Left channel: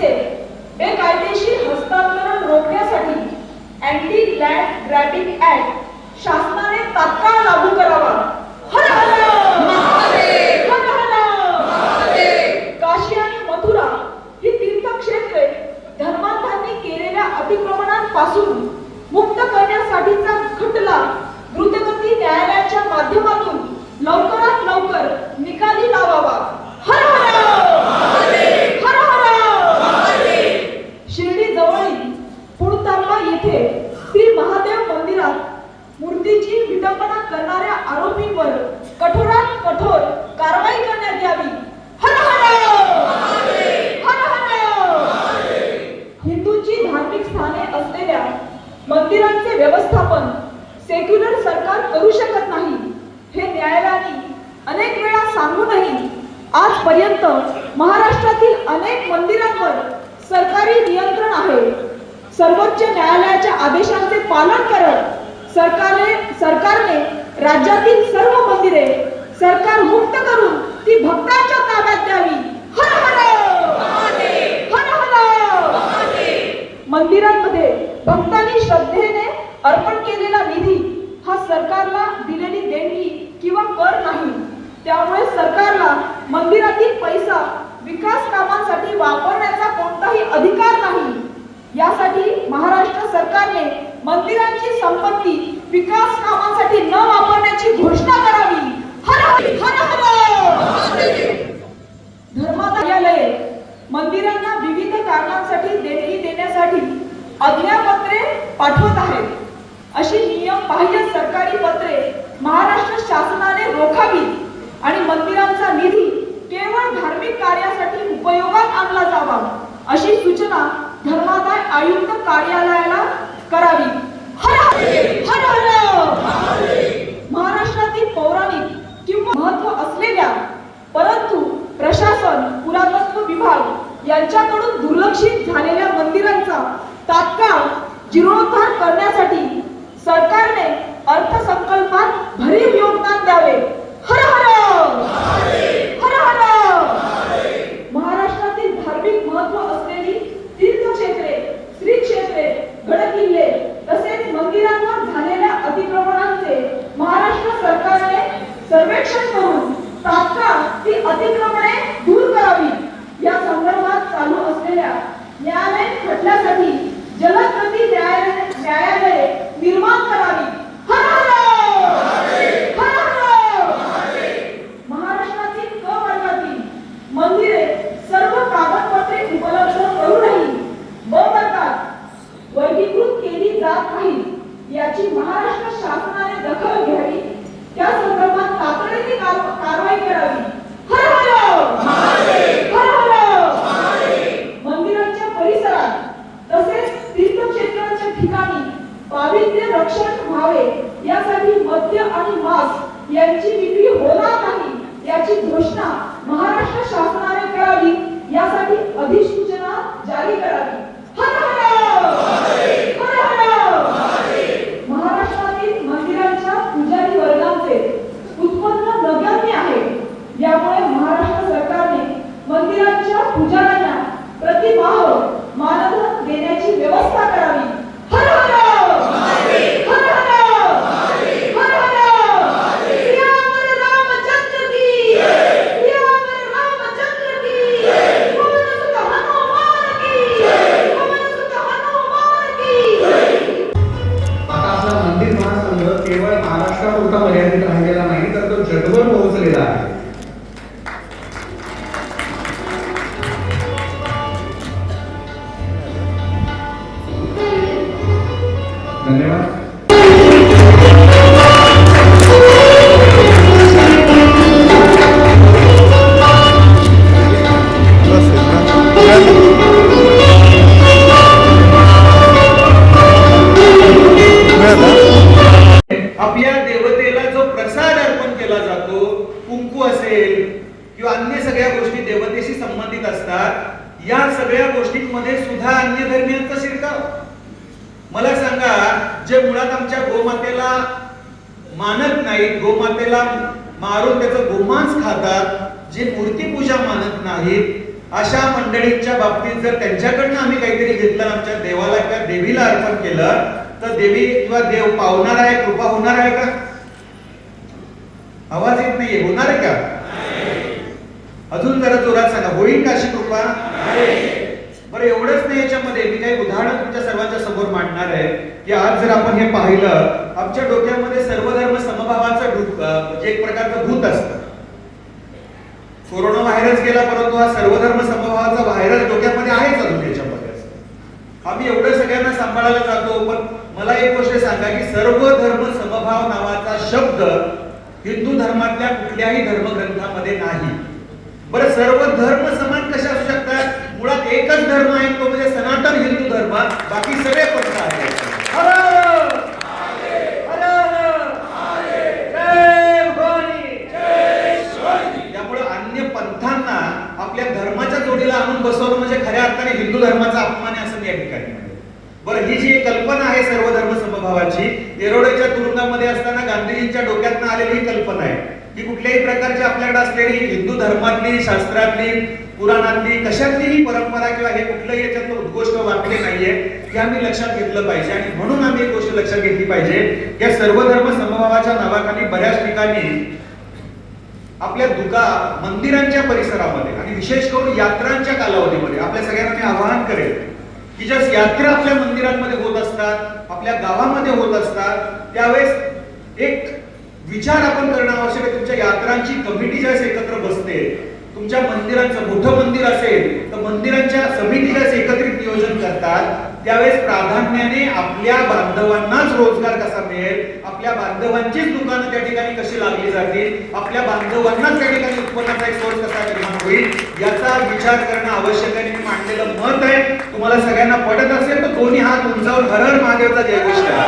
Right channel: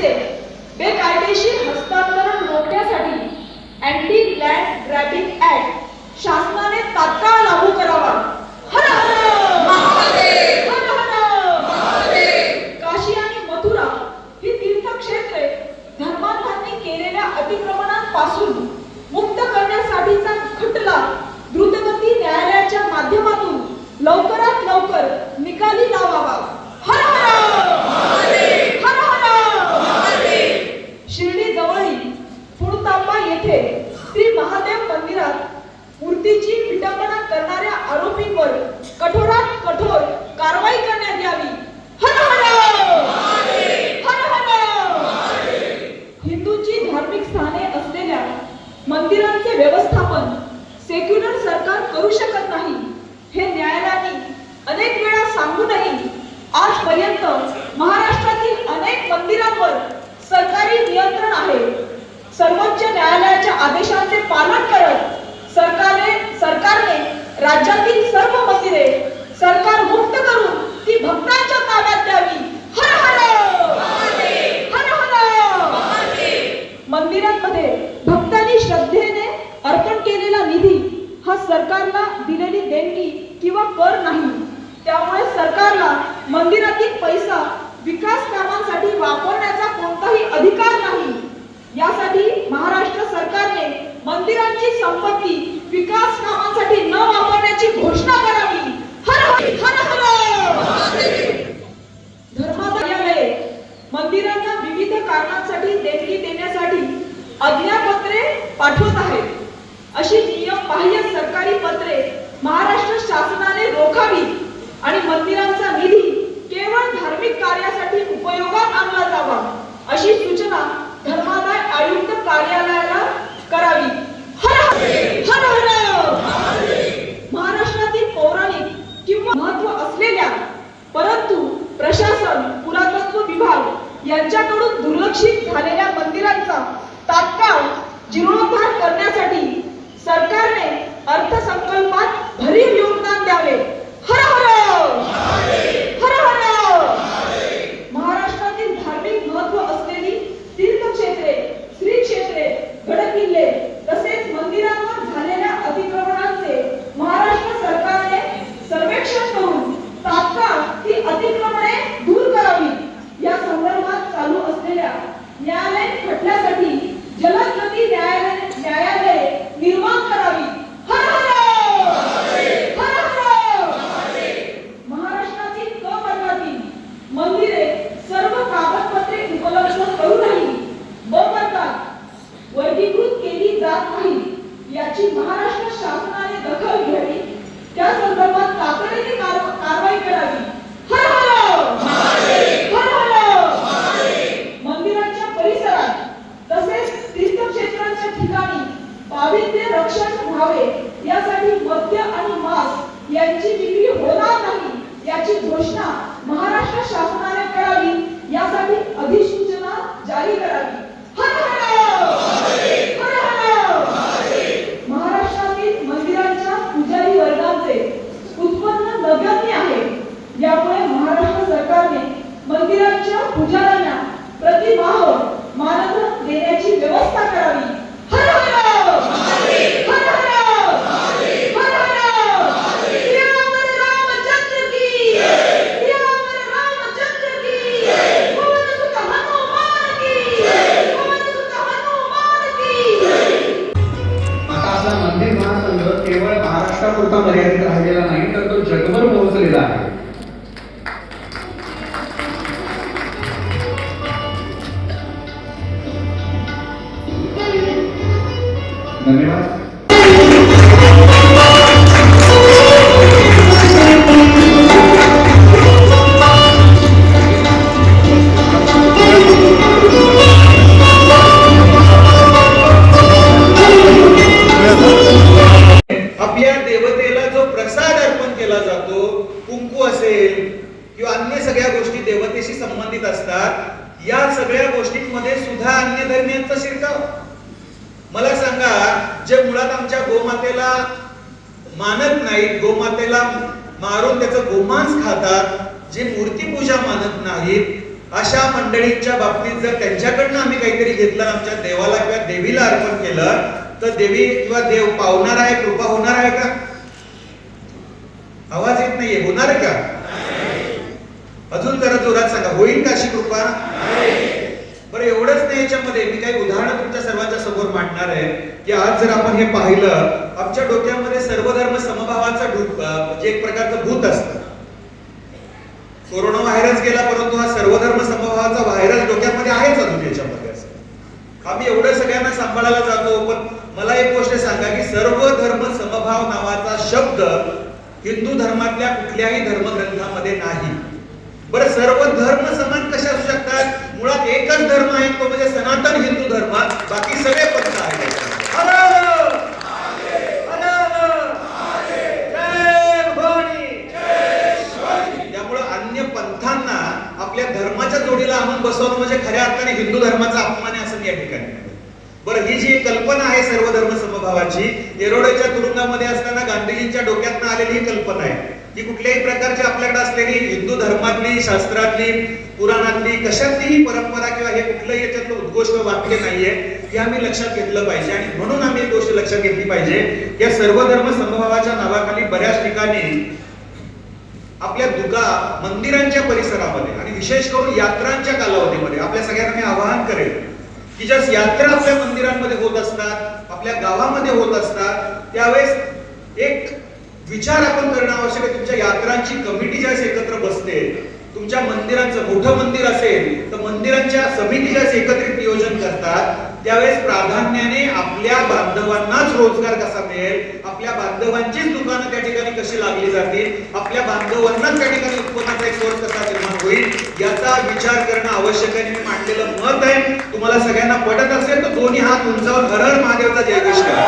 जमिनीचे बेकायदेशीर हस्तांतरण रोखण्यासाठी अँटी लँड ग्रॅबिंग ऍक्ट शासनाने तात्काळ लागू करावा. हर हर महादेव, हर हर महादेव. काशी आणि मथुरा ही तीर्थक्षेत्रे धर्मांधांनी केलेल्या अतिक्रमणांपासून मुक्त करण्यासाठीचा खटला द्रुतगती न्यायालयाच्या माध्यमातून लवकरात लवकर निकाली लावावा. हर हर महादेव, हर हर महादेव. शिर्डी जवळील पुणतांबा येथे श्री महादेव मंदिरात मूर्तीची विटंबना करणाऱ्या आरोपींवर कठोरात कठोर कारवाई करण्यात यावी. हर हर महादेव, हर हर. हिंदूंची धार्मिक स्थाने असलेल्या मंदिरांचे व्यवस्थापन सेक्युलर सरकार करू शकत नाही हे न्यायालयाने अनेक वेळा सांगूनही आजपर्यंत महाराष्ट्रातील अनेक मंदिरांवर सरकारी नियंत्रण आहे. सर्वोच्च न्यायालयाच्या आदेशांचे पालन करत सरकारने राज्यातील सर्व मंदिरे सरकार मुक्त करून ती भक्तांच्या ताब्यात द्यावी. हर हर महादेव, हर हर महादेव. मंदिरांमध्ये भक्तांनी श्रद्धेने अर्पण केलेला निधी हा सरकारला दिलेली देणगी किंवा कर नाही. त्यामुळे सरकारला मंदिरातील पैसा विकास कामांसाठी वापरण्याचा कोणताही अधिकार नाही. यासाठी महाराष्ट्र सरकारने मंदिरांची संपत्ती विकास कामांसाठी न वापरण्याची घोषणा करावी. हर हर महादेव. धर्मदायालये मंदिरांना विविध कारणांसाठी देणगी देण्यासाठी आज्ञापत्रे पाठवत आहेत. अशी नियमबाह्य सरकारी पत्रे महाराष्ट्र शासनाने रोखावी आणि मंदिरांचा निधी केवळ धार्मिक कार्यासाठी उपयोगात आणला जावा अशी सूचना धर्मादाय आयुक्त कार्यालयाला करावी. हर हर महादेव. महाराष्ट्रातील पौराणिक किंवा महत्व असलेल्या परंतु प्रशासन पुरातत्व विभाग यांच्याकडून दुर्लक्षित झालेल्या मंदिरांचा तात्काळ जीर्णोद्धार करण्यासाठी सरकारने अर्थसंकल्पात भरीव योगदान द्यावे. हर हर महादेव, हर हर महादेव. महाराष्ट्रातील धार्मिक महत्व असलेली तीर्थक्षेत्रे, श्री क्षेत्रे, गडकिल्ले तसेच मंदिरांवर झालेल्या अतिक्रमणांचे महाराष्ट्र सरकारने सर्वेक्षण करून तात्काळ ती अतिक्रमणे दूर करावी. या संदर्भात चालू असलेल्या न्यायालयीन खटल्यासाठी जलद गती न्यायालये निर्माण करावी. हर हर महादेव. महाराष्ट्रातील क वर्गातील मंदिरे सर्व कागदपत्रे उपलब्ध करूनही ब वर्गात वर्गीकृत केली जात नाही याची महाराष्ट्र शासनाने दखल घ्यावी. त्या संदर्भात तातडीने कारवाई करावी. हर हर महादेव, हर हर महादेव. मंदिराच्या परिसरात तसेच तीर्थक्षेत्रांच्या ठिकाणी पावित्र्य रक्षण व्हावे यासाठी मद्य आणि मांस यांची विक्री होणार नाही याची घोषणा महाराष्ट्र शासनाने करावी. यासाठी अधिसूचना जारी करावी. हर हर महादेव, हर हर महादेव. महाराष्ट्रातील मंदिरांच्या पुजारी वर्गांचे उत्पन्न नगण्य आहे. यामुळे महाराष्ट्र सरकारने मंदिरांच्या पुजाऱ्यांना प्रतिमाह मानधन देण्याची व्यवस्था करावी. हर हर महादेव, हर हर महादेव, हर हर श्री रामचंद्र की जय, श्री रामचंद्र की जय, पवन सुत हनुमान की जय, पवन सुत हनुमान की जय. आता आपला मंदिर महासंघ केवळ महाराष्ट्रापुरता मर्यादित राहिलेला नाही तर तो जगभर पोहोचलेला आहे. धन्यवाद. आपल्या देवतेला जो प्रसाद अर्पण केला जातो, कुंकू असेल किंवा अन्य सगळ्या गोष्टी देवतेशी संबंधित असतात, या सगळ्या गोष्टींमध्ये सुद्धा अन्य धर्मियांचा शिरकाव. मला सांगा, जे मुळात आमच्या गोमातेला मानत नाहीत, गोमातेला मारून त्याचं गोमांस खातात, जे मूर्ती पूजा मानत नाहीत, अशा मंडळींच्या बाबतीत जर त्यांच्याकडनं आम्ही काहीतरी घेतलं, आमच्या देवाला किंवा देवीला अर्पण केलं, तर देवी किंवा देव पावणार आहे, कृपा होणार आहे का? आवाज येत नाहीये, होणार आहे का? अजून जरा जोरात सांगा, होईल का अशी कृपा? बरं, एवढंच नाही, याच्यामध्ये मी काही उदाहरणं तुमच्या सर्वांच्या समोर मांडणार आहे की आज जर आपण हे पाहिलं, आमच्या डोक्यामध्ये सर्वधर्म समभावाचं म्हणजे एक प्रकारचं भूत असतं. कोरोना व्हायरस गेला, परंतु हा सर्वधर्म समभावाचा व्हायरस डोक्यामध्ये आहेच अजून त्याच्यामध्ये. आम्ही एवढं सगळ्यांना सांभाळायला जातो, पण मला एक गोष्ट सांगा की सर्व धर्म समभाव नावाचा शब्द हिंदू धर्मातल्या कुठल्याही धर्मग्रंथामध्ये नाही. बरं, सर्व धर्म समान कसे असू शकतात? मुळात एकच धर्म आहे, तो म्हणजे सनातन हिंदू धर्म, बाकी सगळे पंथ आहेत. त्यामुळे अन्य पंथांना आपल्या धर्माच्या जोडीला आणून बसवणं म्हणजे खऱ्या अर्थाने हिंदू धर्माचा अपमान आहे असं या ठिकाणी. बरं, ही जी कल्पना आहे सर्व धर्म समभावाची, येरोड्याच्या तुरुंगामध्ये असताना गांधीजींच्या डोक्यातून आलेली ही कल्पना आहे की कुठल्याही प्रकारची आपल्याकडे असलेली हिंदू धर्मातली, शास्त्रातली, पुराणातली कशातलीही परंपरा किंवा हे कुठल्याही याच्यातलं उद्घोष वाकले नाहीये, हे आम्ही लक्षात घेतलं पाहिजे. आणि म्हणून आम्ही एक गोष्ट लक्षात घेतली पाहिजे, या सर्व धर्म समभावाच्या नावाखाली बऱ्याच ठिकाणी आपल्या दुका मंदिरांच्या परिसरामध्ये आणि विशेष करून यात्रांच्या कालावधीमध्ये आपल्या सगळ्यांना मी आवाहन करेन की ज्या यात्रा आपल्या मंदिरांमध्ये होत असतात, आपल्या गावामध्ये होत असतात, त्यावेळेस एक विचार आपण करणं आवश्यक आहे. तुमच्या यात्रांची कमिटी ज्यावेळेस एकत्र बसते, तुमच्या मंदिरांचं मोठं मंदिर असेल तर मंदिरांच्या समिती ज्यावेळेस एकत्रित नियोजन करतात, त्यावेळेस प्राधान्याने आपल्या बांधवांनाच रोजगार कसा मिळेल, आपल्या बांधवांचीच दुकानं त्या ठिकाणी कशी लागली जातील, आपल्या बांधवांनाच त्या ठिकाणी उत्पन्नाचा एक सोर्स कसा निर्माण होईल, याचा विचार करणं आवश्यक आहे. मी मांडलेलं मत आहे, तुम्हाला सगळ्यांना पटत असेल तर दोन्ही हात उंचावून हर हर महादेवचा जयघोष करा.